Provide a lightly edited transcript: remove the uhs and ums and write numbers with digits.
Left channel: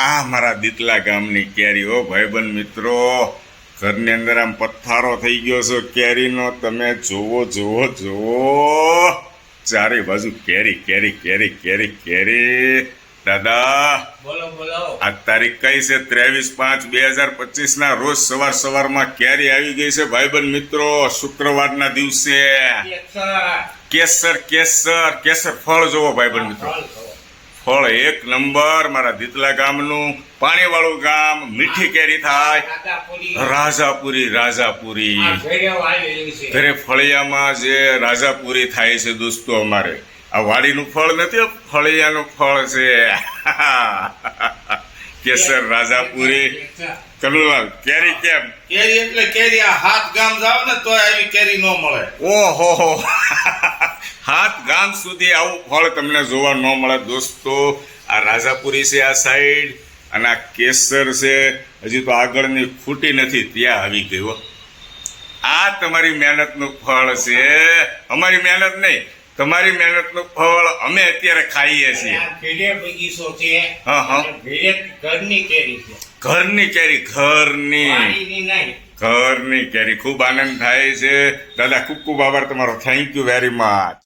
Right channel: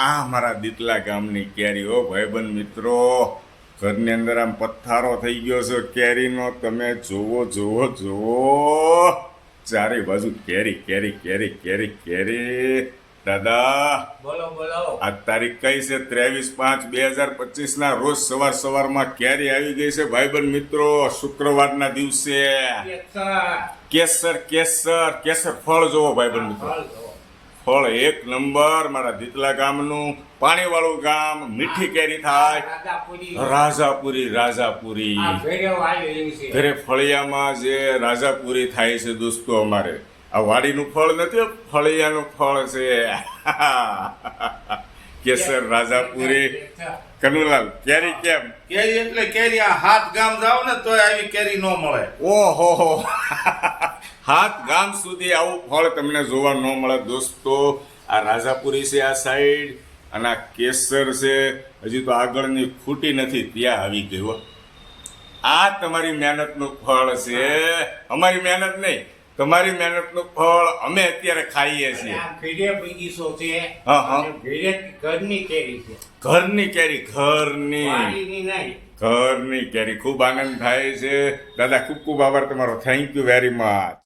આ મારા દીતલા ગામની કેરી હો ભાઈબંધ મિત્રો, ઘરની અંદર આમ પથ્થારો થઈ ગયો છે કેરીનો. તમે જુઓ જુઓ જુઓ, ચારે બાજુ કેરી કેરી કેરી કેરી કેરી. દાદા બોલો બોલો. આ તારીખ કઈ છે? 23/5/2025 ના રોજ સવાર સવારમાં કેરી આવી ગઈ છે ભાઈબંધ મિત્રો, શુક્રવારના દિવસે. કેસર કેસર કેસર ફળ જોવો ભાઈબંધ મિત્રો, ફળ એક નંબર. મારા દીતલા ગામનું પાણીવાળું ગામ, મીઠી કેરી થાય. રાજાપુરી રાજાપુરી ઘરે ફળિયામાં જે રાજાપુરી થાય છે દોસ્તો, અમારે આ વાડીનું ફળ નથી, ફળિયાનું ફળ છે. કેસર રાજાપુરી. કનુલાલ કેરી કેમ? કેરી એટલે કેરી. આ હાથ ગામ જાવ ને તોય આવી કેરી ન મળે. ઓહો, હાથ ગામ સુધી આવું ફળ તમને જોવા ન મળે દોસ્તો. આ રાજાપુરી છે આ સાઈડ, અને આ કેસર છે. હજી તો આગળની ખૂટી નથી, ત્યાં આવી ગયો. આ તમારી મહેનતનું ફળ છે, અમારી મહેનત નહીં, તમારી મહેનતનું ફળ અમે અત્યારે ખાઈએ છીએ. બગીચો છે. હા હા, ઘરની કેરી છે. ઘરની કેરી, ઘરની વાડીની નહીં. ઘરની કેરી. ખૂબ આનંદ થાય છે દાદા. ખૂબ ખૂબ આભાર તમારો. Thank you very much.